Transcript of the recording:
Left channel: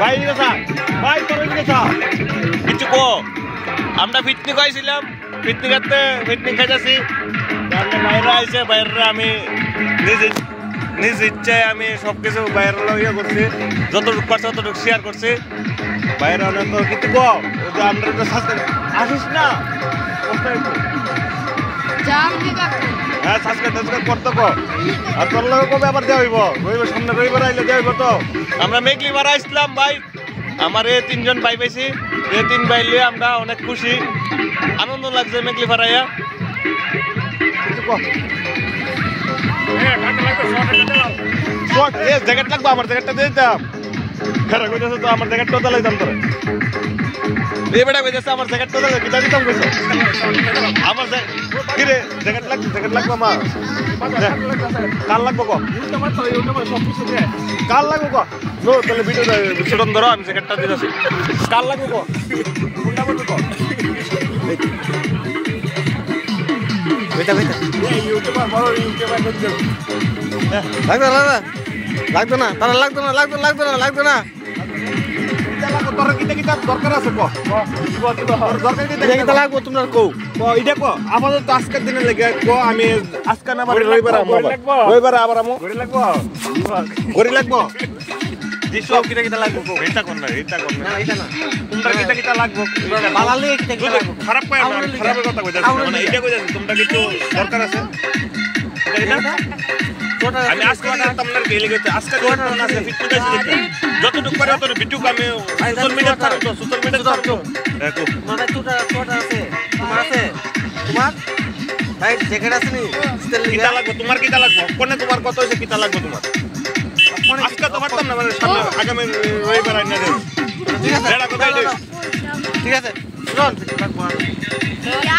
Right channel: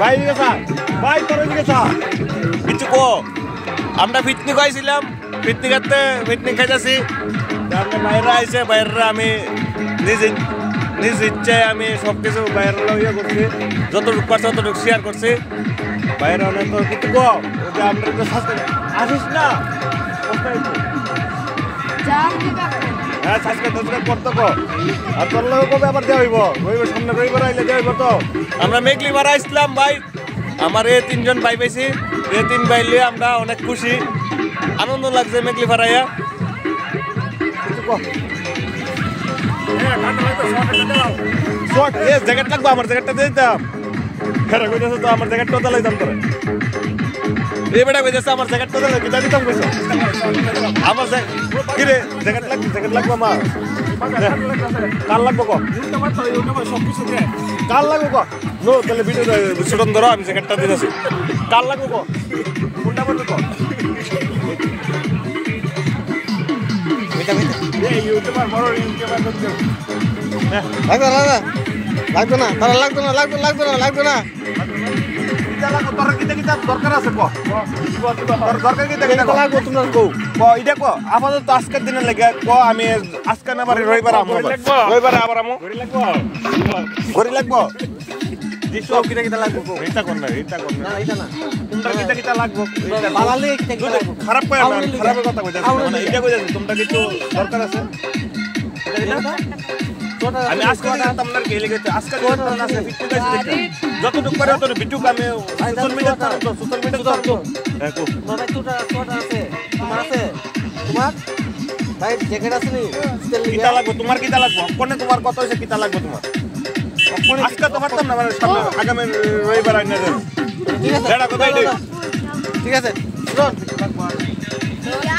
ভাই গেছা ভাই তোর গেছা কিছু কো আমরা পিকনিক আইছিলাম পিকনিক খাইতেছি বাইরে আইছে বাইরে আমি নিজ ইচ্ছায় আমি সবকিছু বাইরে ইয়ে করছি যতটুকু পারছি ততটুকু শেয়ার করছি বাইরে অনেক তো কিছু কো আমরা আসিস না হ্যাঁ সাবস্ক্রাইব করতে কো আর তোর লোক কবে আবার দেওয়া হইব সামনে রবিবার আইলে দেওয়া হইব তো আমরা মেঘলিবার আসলাম ভাই আমার এই তিনজন ভাই পাইছি এই তিন ভাই লিয়ে আমরা অনেক খুশি আনন্দ লাগছে মেঘলিবার আইয়া জ্যাকেট লাগবে আমার জ্যাকেটটা দিয়ে দিতাম হেরা কইতেছে তো আমার জ্যাকেটটা দিলাম তোরা এই বেটা কইতেছে আমার জ্যাকেটটা দিলাম কিটা দিতাম কইছো আমার জ্যাকেট লাগবে আমার কাল লাগবো কো কাল লাগবো কো নো তাহলে ভিডিও শুটন ধরো আমি জ্যাকেটটা দিতেছি কাল লাগবো কো কোনটা করবে কো বেটা বেটা এই ইউটিউবার বড় ইউটিউবার লাগবে না তারা লাগবে না তোর কিটা দরকার আছে কো তোর দরকার কিটা লাগবে তোমার কো এটা কো আপাতত আজকের দিনে লাগে কো আমি আজকে না বারে রবিবার আবার আমো গড়ি লাগবো সব কিটা লাগবে কো এটা কোন না তোমরা কিটা লাগবে বালালে কিটা লাগবে খারাপ কই খারাপের কথা কইতাছি মানে এটা কইতাছি তোমরা কিছু দরকার আছে আমি আজকে তোমরা কে লেগে আজকে যতটুকু করে তোর ভিডিও আমি সোশ্যাল মিডিয়া ছাড়তো দেখো মানে তোটা আছে তোমার ভাই জ্যাকেট আছে নি কিটা লাগবে তোমার কিটা লাগবে কোনে তোমার কত হইছে কিটা লাগবে তোমার কোনে আজকে তোমার তো না মানে আগামী রবিবার আইনা ঠিক আছে ঠিক আছে চল লাগবে